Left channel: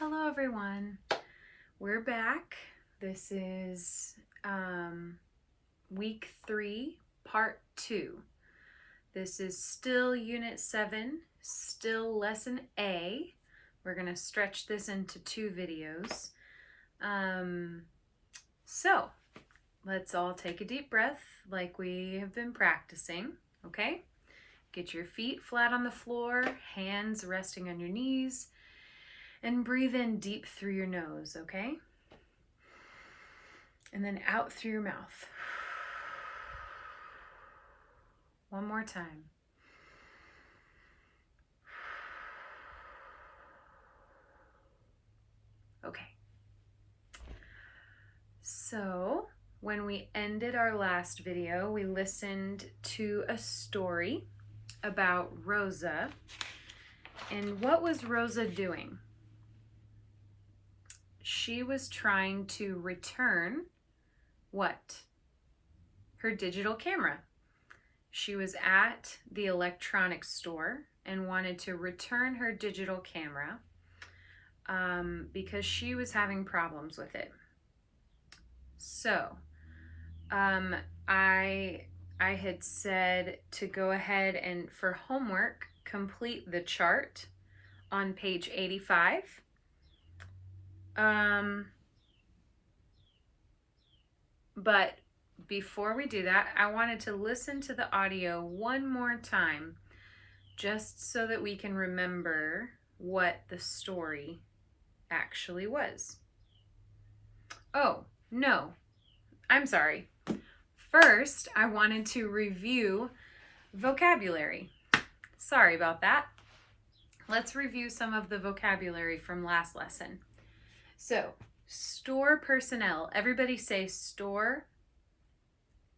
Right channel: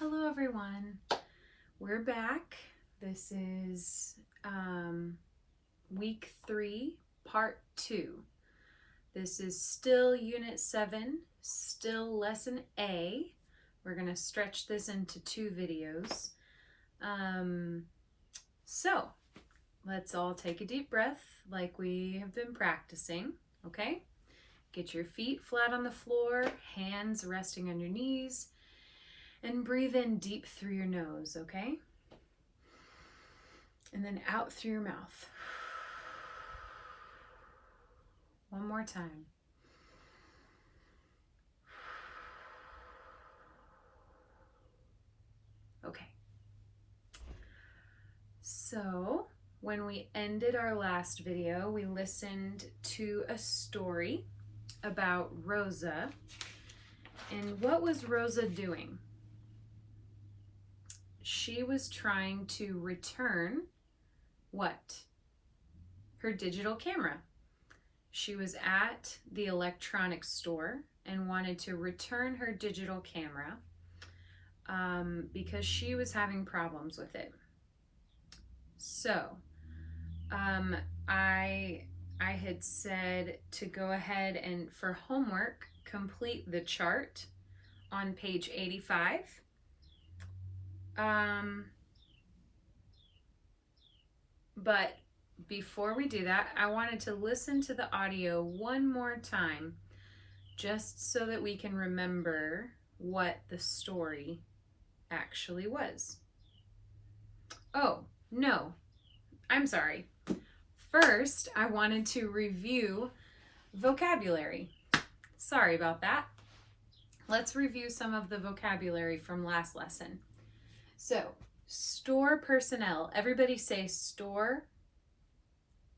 Hello everyone, we're back. This is week 3, part 2. This is still unit 7, still lesson A. We're going to stretch this into 2 videos. So let's all take a deep breath like we have been practicing, okay? Get your feet flat on the floor, hands resting on your knees. And breathe in deep through your nose, okay? And then out through your mouth. One more time. Okay. So, when we ended our last video, we listened to a story about Rosa. And what was Rosa doing? She was trying to return what? Her digital camera. She was at the electronics store and wanted to return her digital camera because she was having problems with it. So I had said to go ahead and for homework complete the chart on page 85. But before we do that, I wanted to listen to the audio one more time just so that we can remember what the story actually was. Oh, no, I'm sorry. First, I wanted to review vocabulary. Sorry about that. Let's review some of the vocabulary from last lesson. So, store personnel. Everybody say store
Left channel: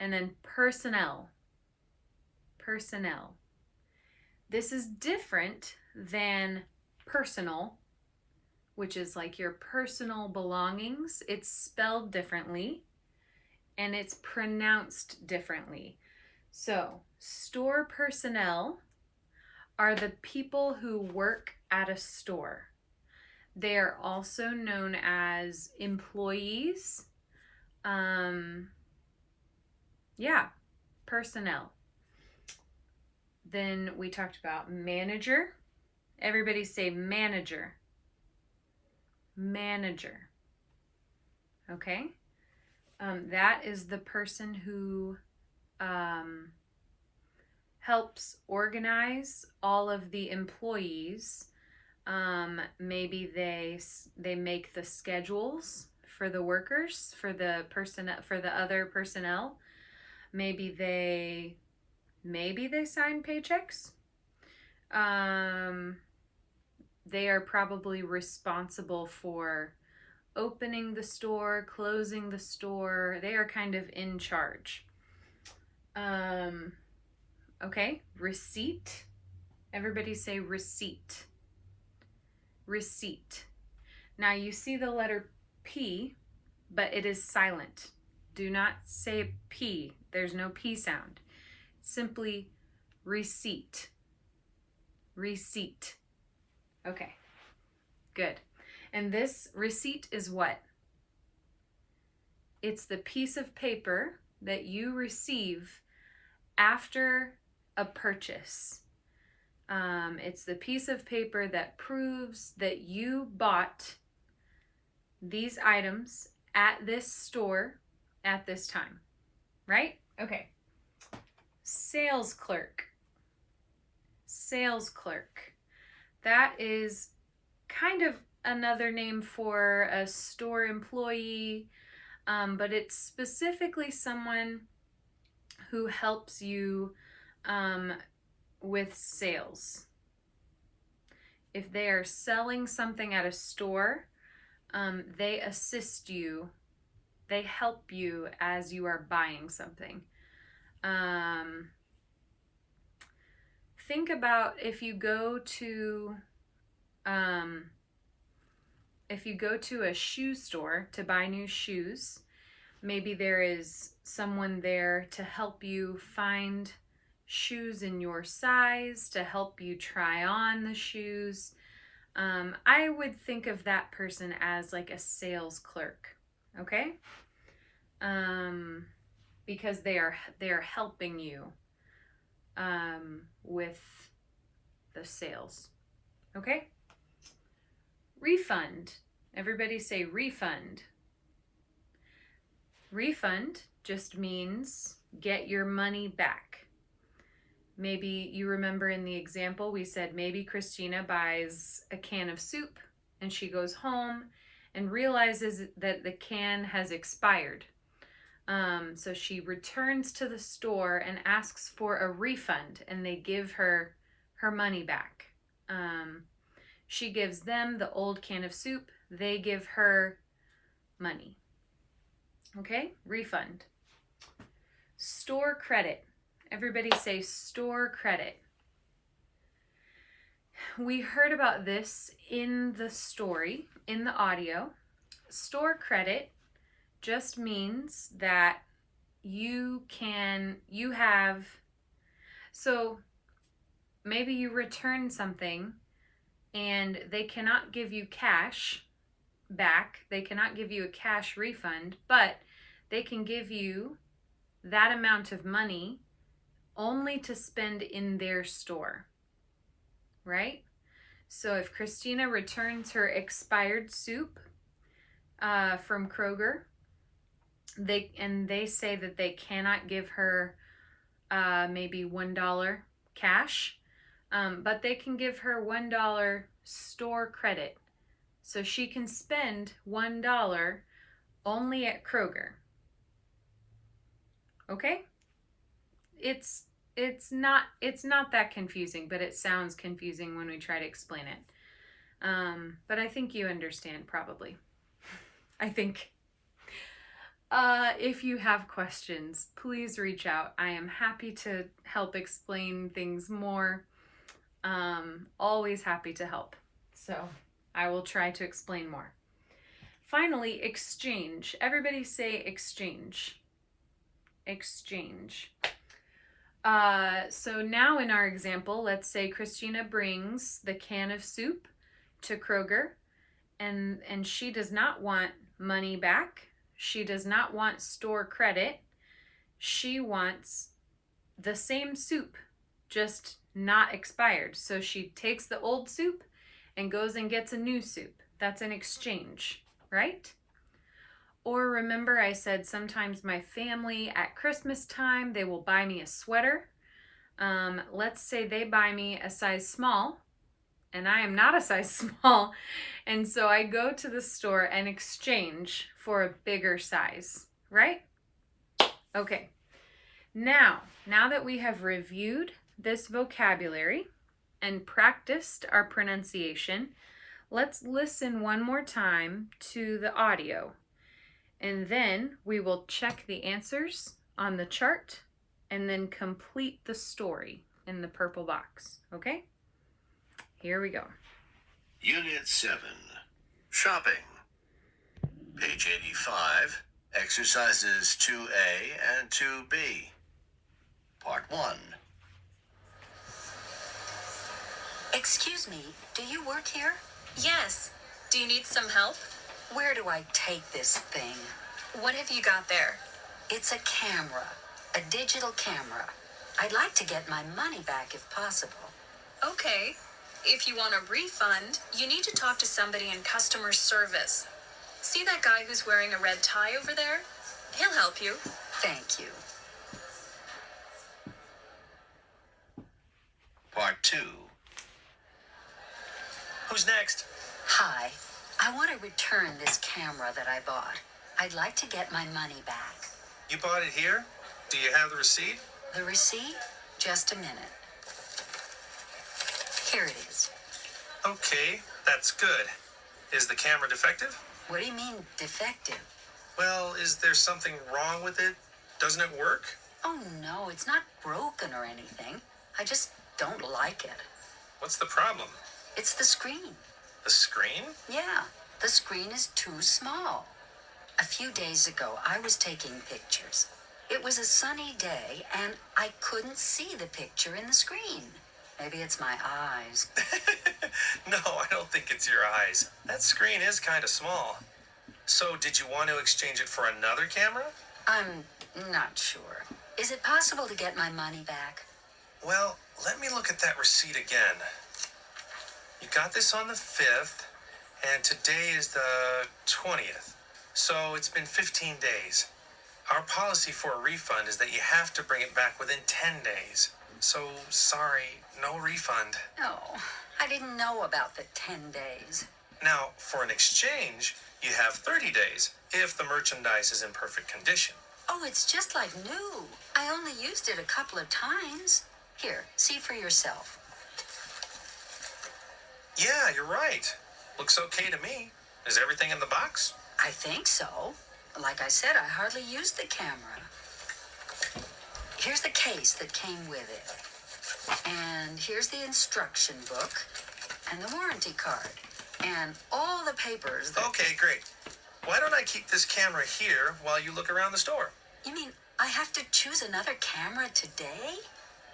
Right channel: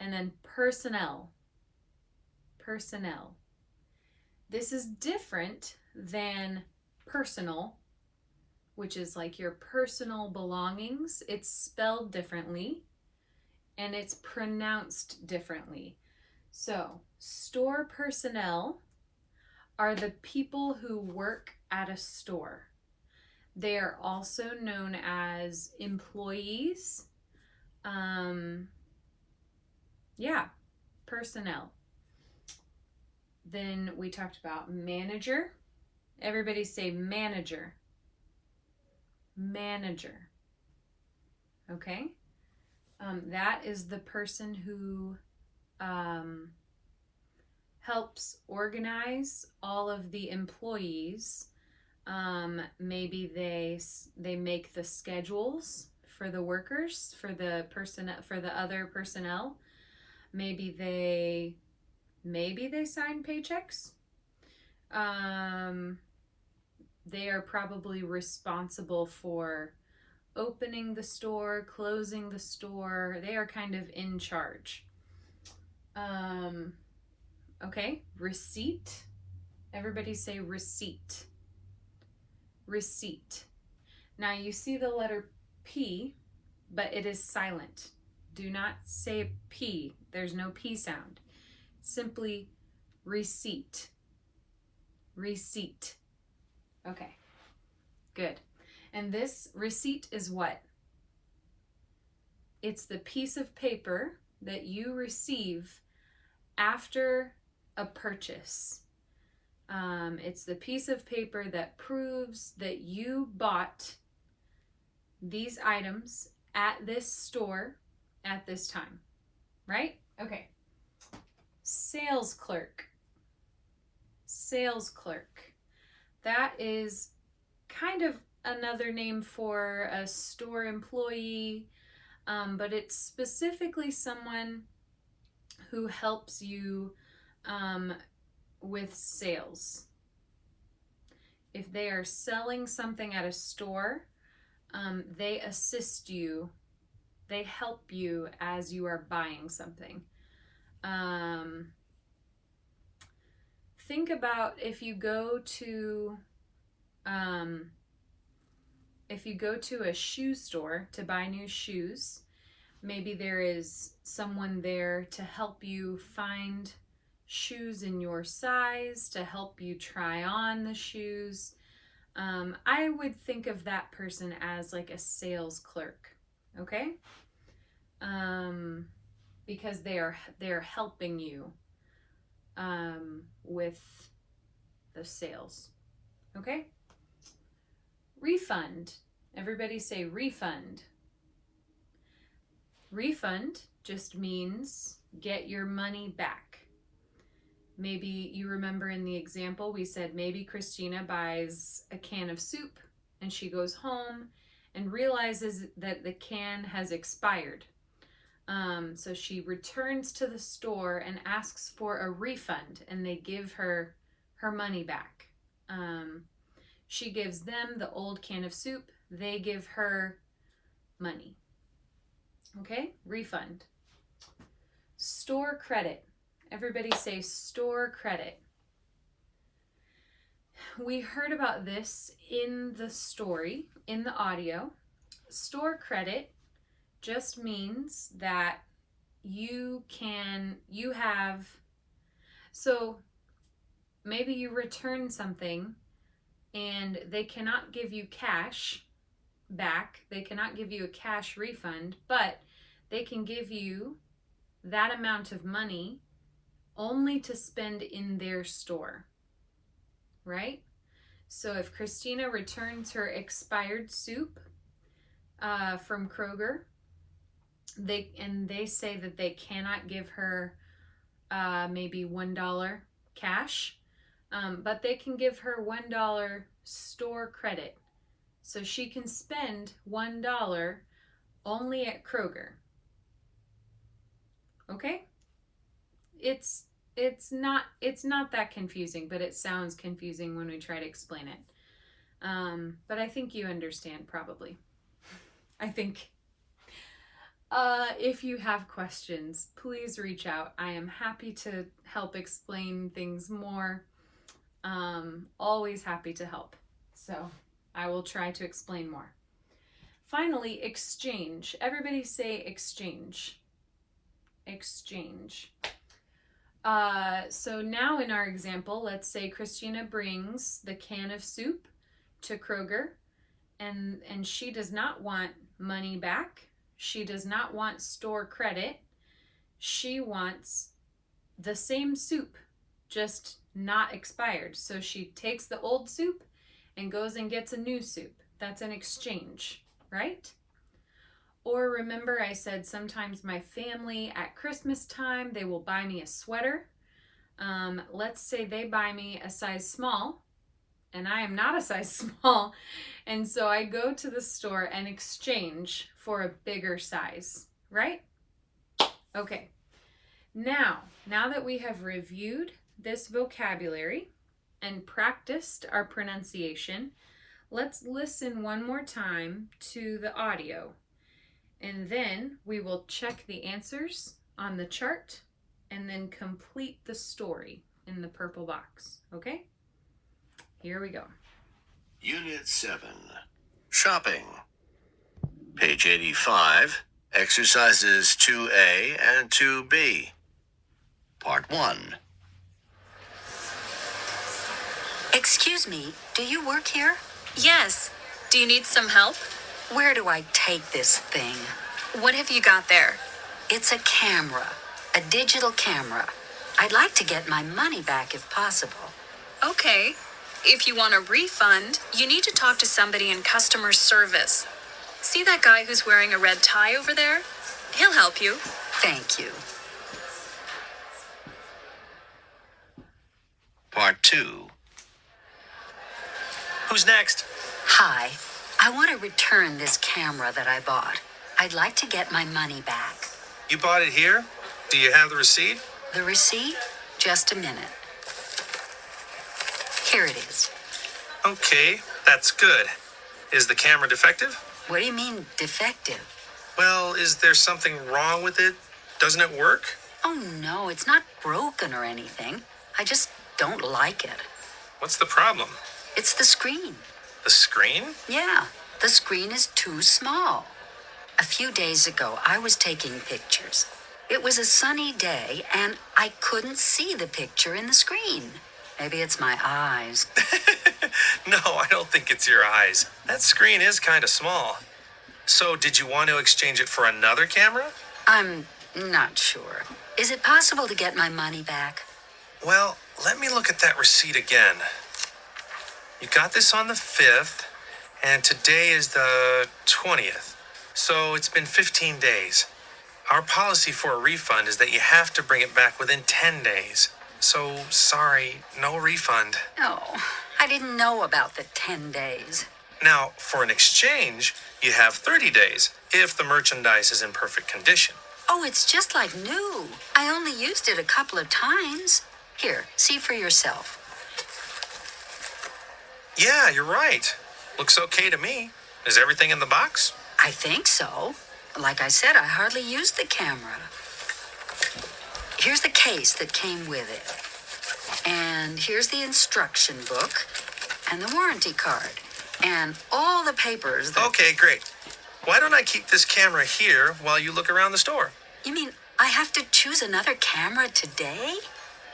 and then personnel. Personnel. This is different than personal, which is like your personal belongings. It's spelled differently and it's pronounced differently. So, store personnel are the people who work at a store. They are also known as employees. Personnel. Then we talked about manager. Everybody say manager. Manager. Okay? That is the person who helps organize all of the employees. Maybe they make the schedules for the workers, for the other personnel. Maybe they sign paychecks. They are probably responsible for opening the store, closing the store. They are kind of in charge. Okay, receipt. Everybody say receipt. Receipt. Now you see the letter P, but it is silent. Do not say P. There's no P sound. Simply receipt. Receipt. Okay, good. And this receipt is what? It's the piece of paper that you receive after a purchase. It's the piece of paper that proves that you bought these items at this store at this time, right? Okay. Sales clerk. Sales clerk. That is kind of another name for a store employee, but it's specifically someone who helps you with sales. If they are selling something at a store, they assist you. They help you as you are buying something. Think about if you go to a shoe store to buy new shoes, maybe there is someone there to help you find shoes in your size, to help you try on the shoes. I would think of that person as like a sales clerk, okay? Because they're helping you with the sales, okay? Refund. Everybody say refund. Refund just means get your money back. Maybe you remember in the example we said maybe Christina buys a can of soup and she goes home and realizes that the can has expired. So she returns to the store and asks for a refund, and they give her her money back. She gives them the old can of soup. They give her money. Okay, refund. Store credit. Everybody say store credit. We heard about this in the story, in the audio. Store credit just means that so maybe you return something and they cannot give you cash back. They cannot give you a cash refund, but they can give you that amount of money only to spend in their store, right? So if Christina returns her expired soup from Kroger, they say that they cannot give her maybe $1 cash, but they can give her $1 store credit. So she can spend $1 only at Kroger. Okay? It's not that confusing, but it sounds confusing when we try to explain it. But I think you understand probably. I think if you have questions, please reach out. I am happy to help explain things more. Always happy to help. So I will try to explain more. Finally, exchange. Everybody say exchange. Exchange. So now in our example, let's say Christina brings the can of soup to Kroger, and she does not want money back. She does not want store credit. She wants the same soup, just not expired. So she takes the old soup and goes and gets a new soup. That's an exchange, right? Or remember I said sometimes my family at Christmas time, they will buy me a sweater. Let's say they buy me a size small, and I am not a size small. And so I go to the store and exchange for a bigger size, right? Okay. Now that we have reviewed this vocabulary and practiced our pronunciation, let's listen one more time to the audio. And then we will check the answers on the chart and then complete the story in the purple box. Okay? Here we go. Unit 7. Shopping. Page 85. Exercises 2A and 2B. Part 1. Excuse me, do you work here? Yes. Do you need some help? Where do I take this thing? What have you got there? It's a camera, a digital camera. I'd like to get my money back if possible. Okay. If you want a refund, you need to talk to somebody in customer service. See that guy who's wearing a red tie over there? He'll help you. Thank you. Part 2. Who's next? Hi, I want to return this camera that I bought. I'd like to get my money back. You bought it here? Do you have the receipt? The receipt? Just a minute. Here it is. Okay, that's good. Is the camera defective? What do you mean, defective? Well, is there something wrong with it? Doesn't it work? Oh no, it's not broken or anything. I just don't like it. What's the problem? It's the screen. The screen? Yeah, the screen is too small. A few days ago, I was taking pictures. It was a sunny day, and I couldn't see the picture in the screen. Maybe it's my eyes. No, I don't think it's your eyes. That screen is kind of small. So, did you want to exchange it for another camera? I'm not sure. Is it possible to get my money back? Well, let me look at that receipt again. You got this on the 5th, and today is the 20th. So, it's been 15 days. Our policy for a refund is that you have to bring it back within 10 days. So, sorry, no refund. No, I didn't know about the 10 days. Now, for an exchange, you have 30 days if the merchandise is in perfect condition. Oh, it's just like new. I only used it a couple of times. Here, see for yourself. Yeah, you're right. Looks okay to me. Is everything in the box? I think so. Like I said, I hardly used the camera. Here's the case that came with it. And here's the instruction book and the warranty card and all the papers that... Okay, great. Why don't I keep this camera here while you look around the store? You mean I have to choose another camera today?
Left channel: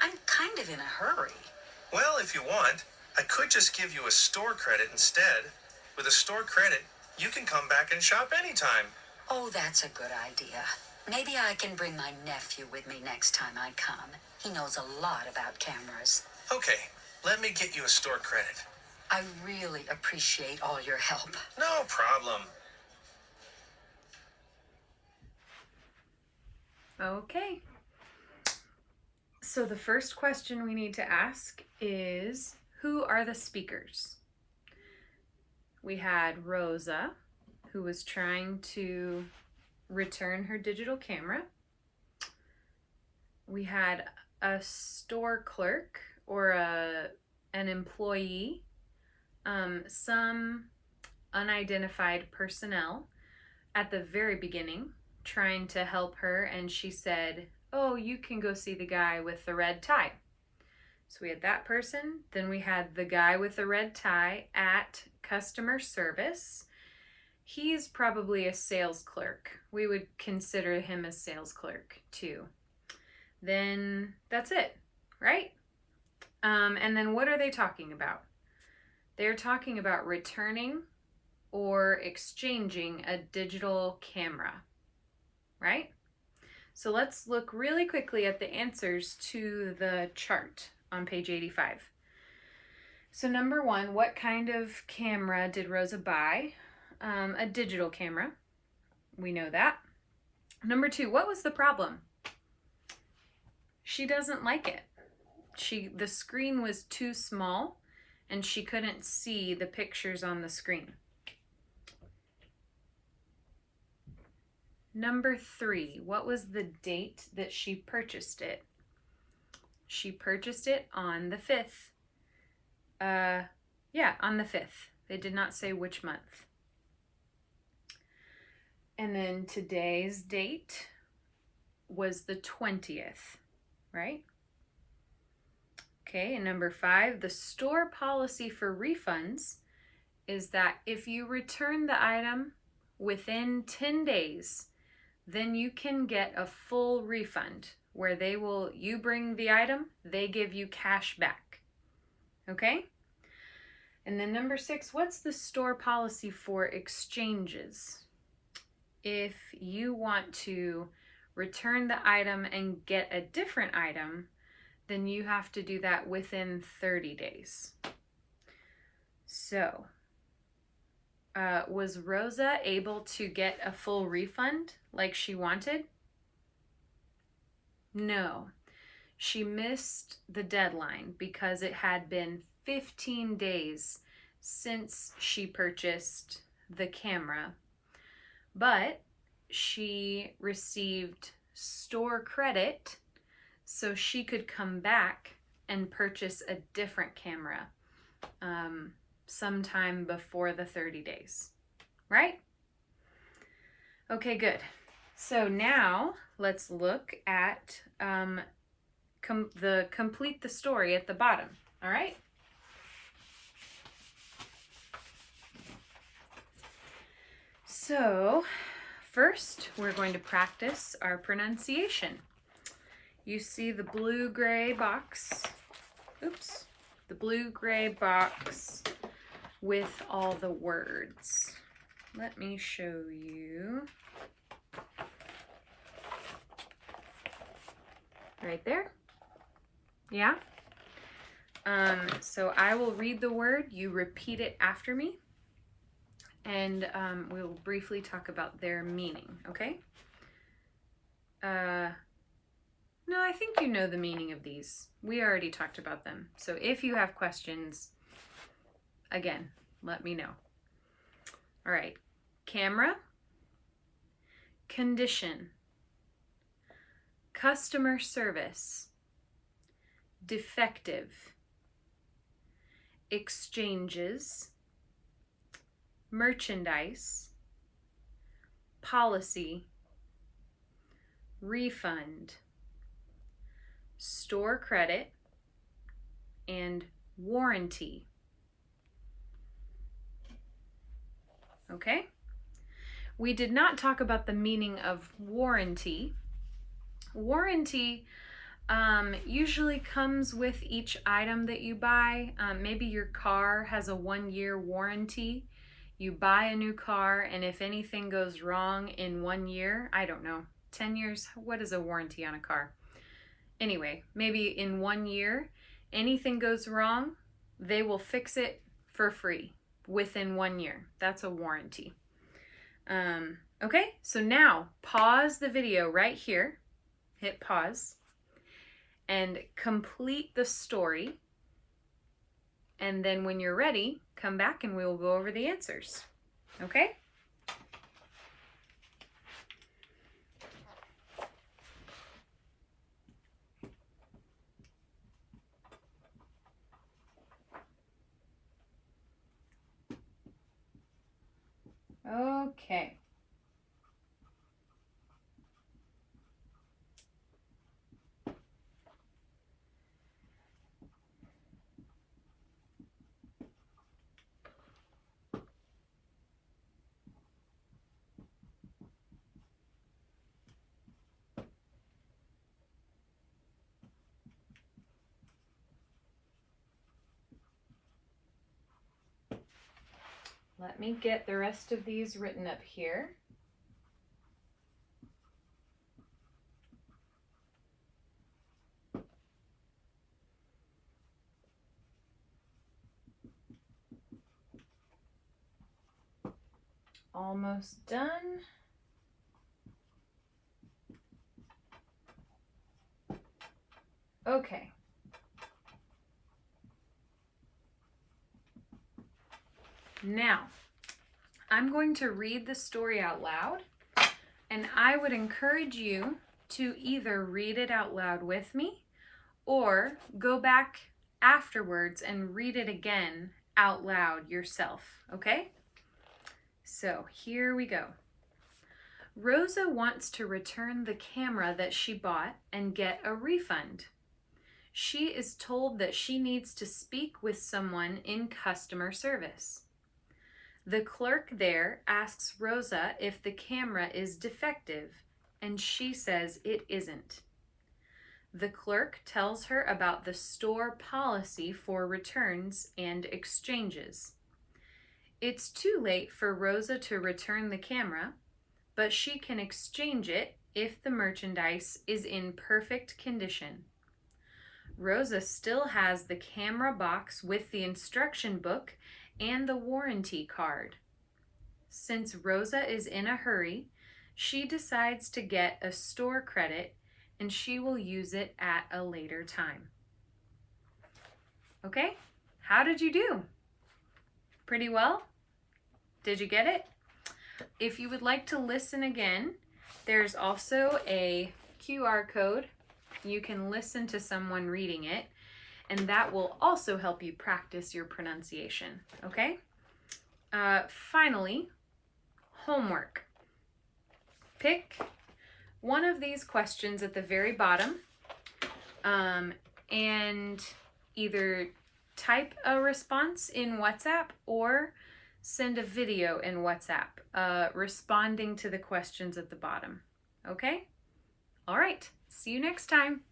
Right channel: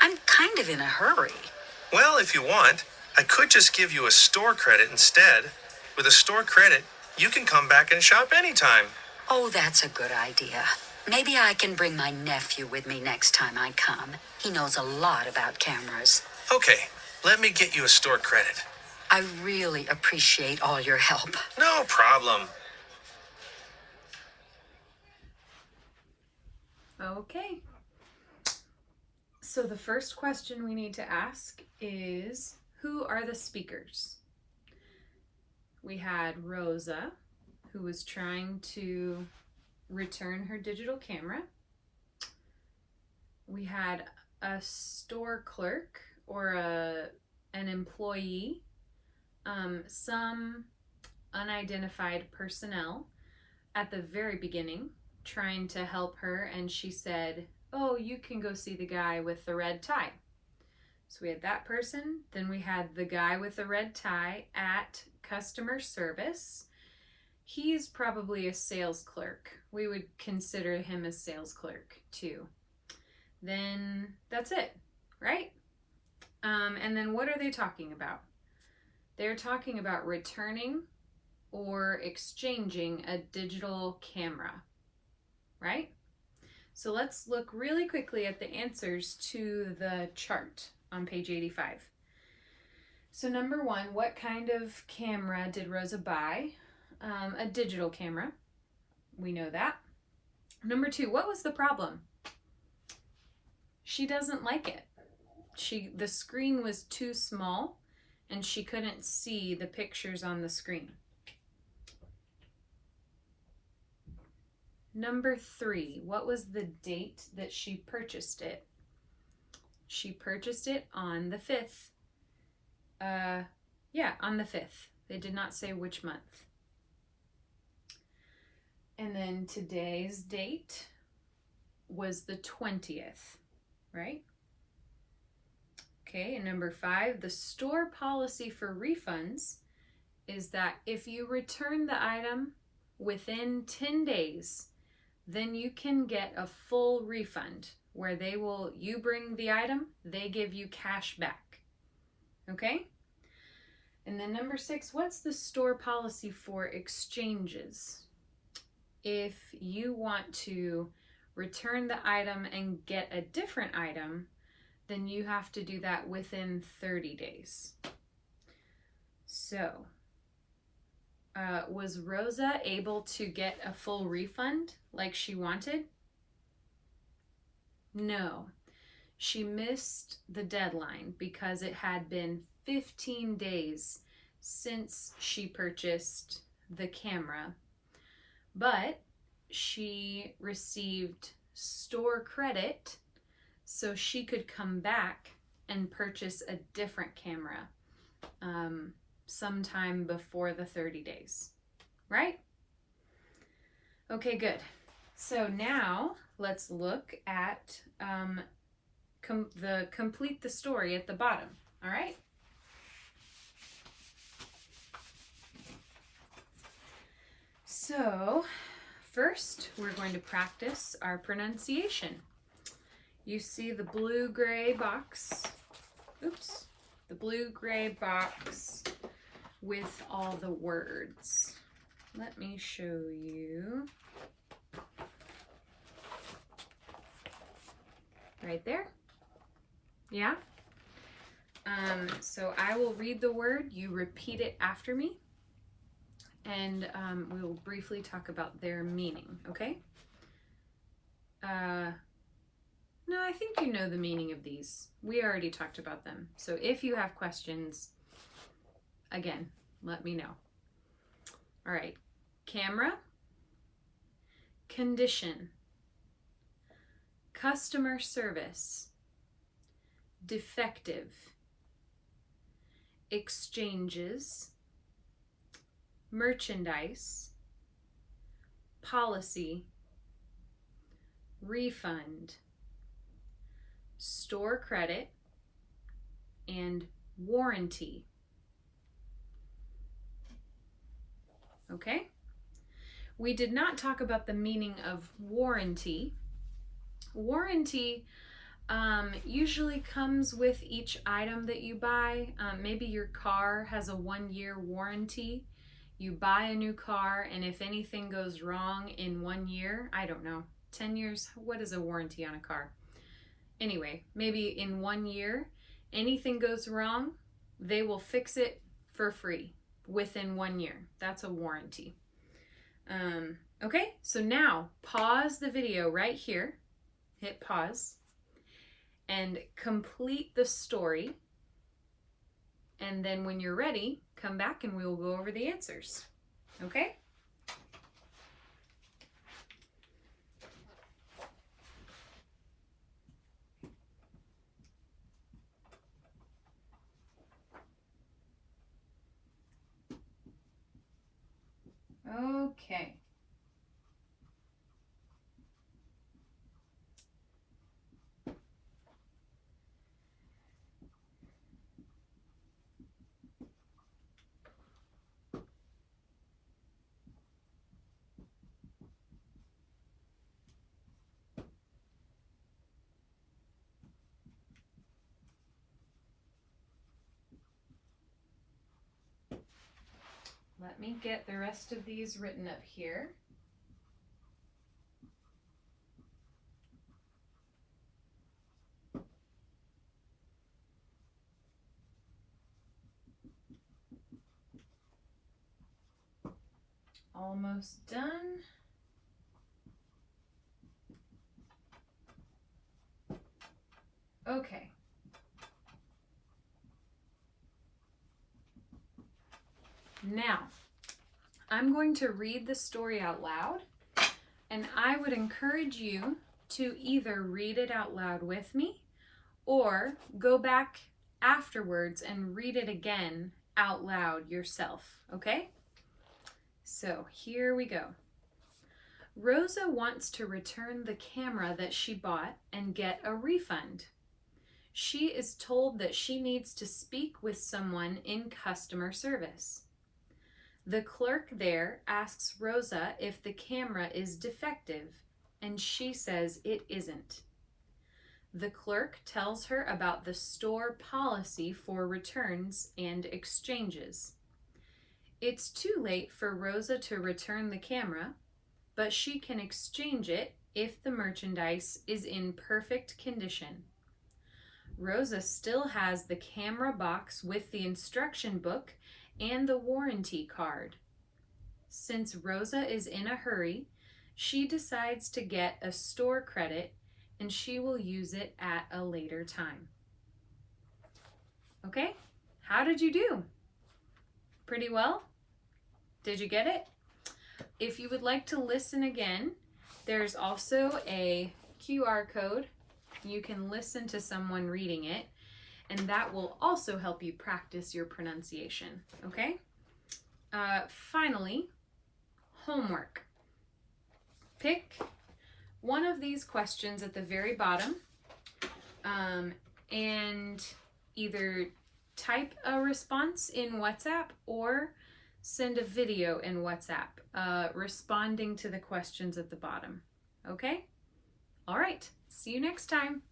I'm kind of in a hurry. Well, if you want, I could just give you a store credit instead. With a store credit, you can come back and shop anytime. Oh, that's a good idea. Maybe I can bring my nephew with me next time I come. He knows a lot about cameras. Okay, let me get you a store credit. I really appreciate all your help. No problem. Okay. So the first question we need to ask is, who are the speakers? We had Rosa, who was trying to return her digital camera. We had a store clerk or an employee, some unidentified personnel at the very beginning trying to help her, and she said, "Oh, you can go see the guy with the red tie." So we had that person. Then we had the guy with the red tie at customer service. He's probably a sales clerk. We would consider him a sales clerk too. Then that's it, right? And then what are they talking about? They're talking about returning or exchanging a digital camera, right? So let's look really quickly at the answers to the chart on page 85. So number one, what kind of camera did Rosa buy? A digital camera. We know that. Number two, what was the problem? She doesn't like it. The screen was too small and she couldn't see the pictures on the screen. Number three, what was the date that she purchased it? She purchased it on the 5th. On the 5th. They did not say which month. And then today's date was the 20th, right? Okay, and number 5, the store policy for refunds is that if you return the item within 10 days, then you can get a full refund where you bring the item, they give you cash back. Okay? And then number 6, what's the store policy for exchanges? If you want to return the item and get a different item, then you have to do that within 30 days. So, was Rosa able to get a full refund like she wanted? No. She missed the deadline because it had been 15 days since she purchased the camera. But she received store credit so she could come back and purchase a different camera sometime before the 30 days, right? Okay, good. So now let's look at complete the story at the bottom, all right? So first, we're going to practice our pronunciation. You see the blue-gray box oops, the blue-gray box with all the words. Let me show you. Right there. Yeah? So I will read the word, you repeat it after me, and we'll briefly talk about their meaning, okay? No, I think you know the meaning of these. We already talked about them. So if you have questions, again, let me know. All right. Camera, condition, customer service, defective, exchanges, merchandise, policy, refund, store credit, and warranty. Okay? We did not talk about the meaning of warranty. Warranty usually comes with each item that you buy. Maybe your car has a 1-year warranty. You buy a new car, and if anything goes wrong in 1 year, I don't know, 10 years, what is a warranty on a car? Anyway, maybe in 1 year, anything goes wrong, they will fix it for free within 1 year. That's a warranty. Okay, so now pause the video right here, hit pause, and complete the story. And then when you're ready, come back and we will go over the answers. Okay? Okay. Let me get the rest of these written up here. Almost done. Okay. Now, I'm going to read the story out loud, and I would encourage you to either read it out loud with me or go back afterwards and read it again out loud yourself, okay? So here we go. Rosa wants to return the camera that she bought and get a refund. She is told that she needs to speak with someone in customer service. The clerk there asks Rosa if the camera is defective, and she says it isn't. The clerk tells her about the store policy for returns and exchanges. It's too late for Rosa to return the camera, but she can exchange it if the merchandise is in perfect condition. Rosa still has the camera box with the instruction book and the warranty card. Since Rosa is in a hurry, she decides to get a store credit and she will use it at a later time. Okay, how did you do? Pretty well? Did you get it? If you would like to listen again, there's also a QR code. You can listen to someone reading it, and that will also help you practice your pronunciation, okay? Finally, homework. Pick one of these questions at the very bottom and either type a response in WhatsApp or send a video in WhatsApp responding to the questions at the bottom, okay? All right, see you next time.